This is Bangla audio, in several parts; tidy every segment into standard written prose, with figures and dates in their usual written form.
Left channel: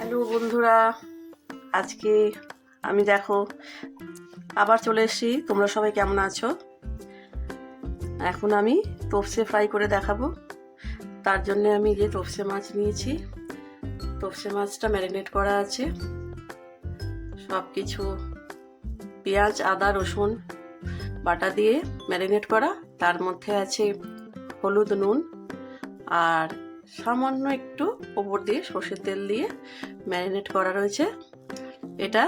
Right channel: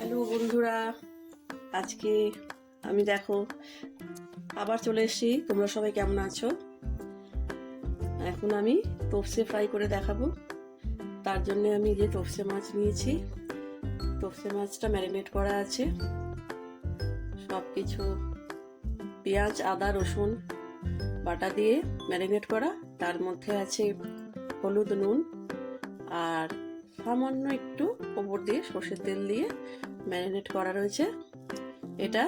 হ্যালো বন্ধুরা, আজকে আমি দেখো আবার চলে এসেছি। তোমরা সবাই কেমন আছো? এখন আমি তোপসে ফ্রাই করে দেখাবো। তার জন্য আমি যে তোপসে মাছ নিয়েছি, তোপসে মাছটা ম্যারিনেট করা আছে। সব কিছু পেঁয়াজ, আদা, রসুন বাটা দিয়ে ম্যারিনেট করা। তার মধ্যে আছে হলুদ, নুন আর সামান্য একটু ওপর দিয়ে সর্ষের তেল দিয়ে ম্যারিনেট করা রয়েছে। এটা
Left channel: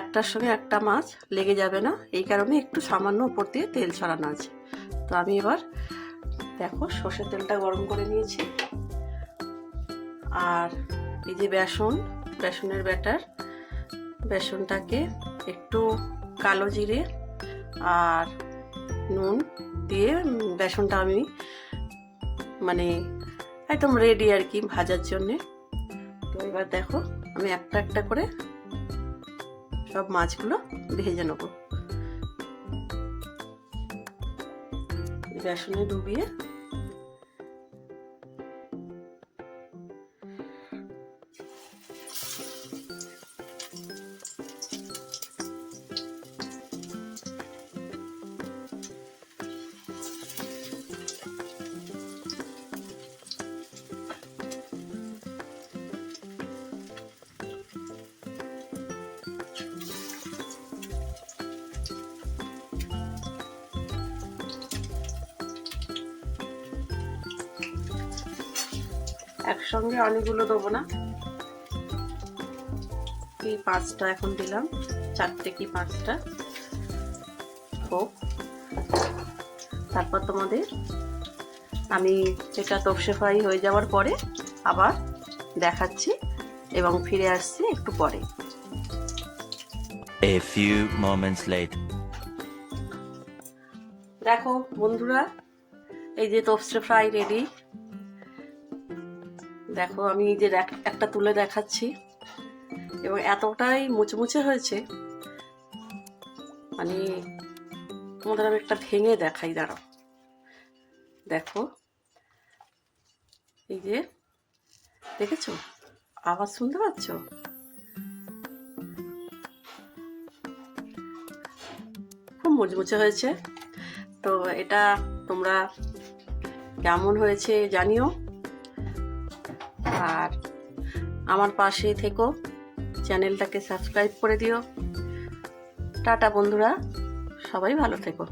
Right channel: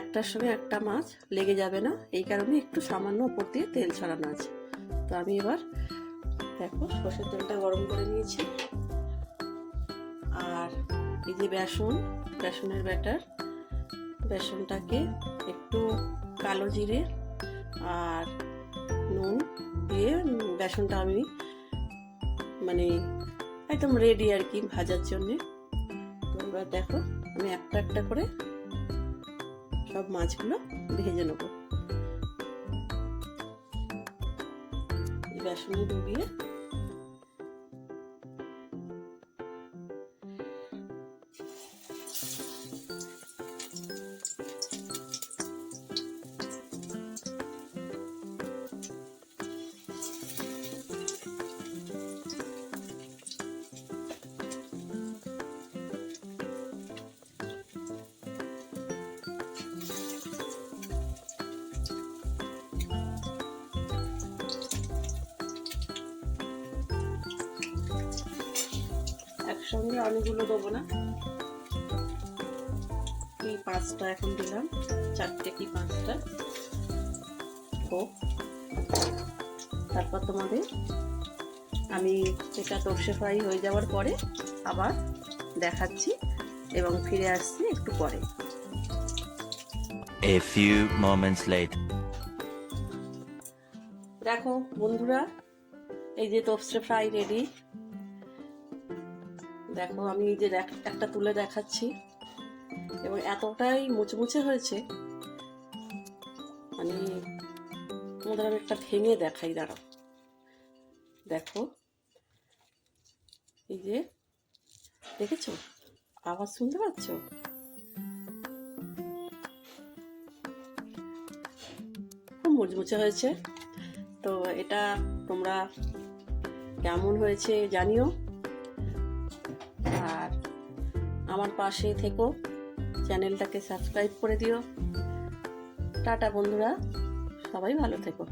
একটার সঙ্গে একটা মাছ লেগে যাবে না, এই কারণে একটু সামান্য ওপর দিয়ে তেল ছড়ানো আছে। তো আমি এবার দেখো সর্ষের তেলটা গরম করে নিয়েছি। আর এই যে বেসনের ব্যাটার, বেসনটাকে একটু কালো জিরে আর নুন দিয়ে বেসনটা আমি একদম রেডি আর কি ভাজার জন্যে। তো এবার দেখো আমি একটা একটা করে সব মাছগুলো ভেজে নেব বেসনে ডুবিয়ে। একসঙ্গে অনেকগুলো দেবো না, কি 5টা এখন দিলাম, 4টে কি 5টা হোক। তারপর তোমাদের আমি এটা তোপসে ফ্রাই হয়ে যাওয়ার পরে আবার দেখাচ্ছি এবং ফিরে আসছি একটু পরে। A few moments later. দেখো বন্ধুরা, এই যে তোপসে ফ্রাই রেডি। দেখো আমি এই যে একটা তুলে দেখাচ্ছি এবং এতটাই মুচমুচে হয়েছে, তোমাদের আমি একটা ভেঙে দেখাই, দাঁড়াও। দেখো এই যে দেখেছো, আওয়াজ শুনতে পাচ্ছ? খুব মুচমুচে হয়েছে। তো এটা তোমরা কেমন হয়েছে জানিও, আর আমার পাশে থেকো, চ্যানেলটাকে সাবস্ক্রাইব করে দিও। টাটা বন্ধুরা, সবাই ভালো থেকো।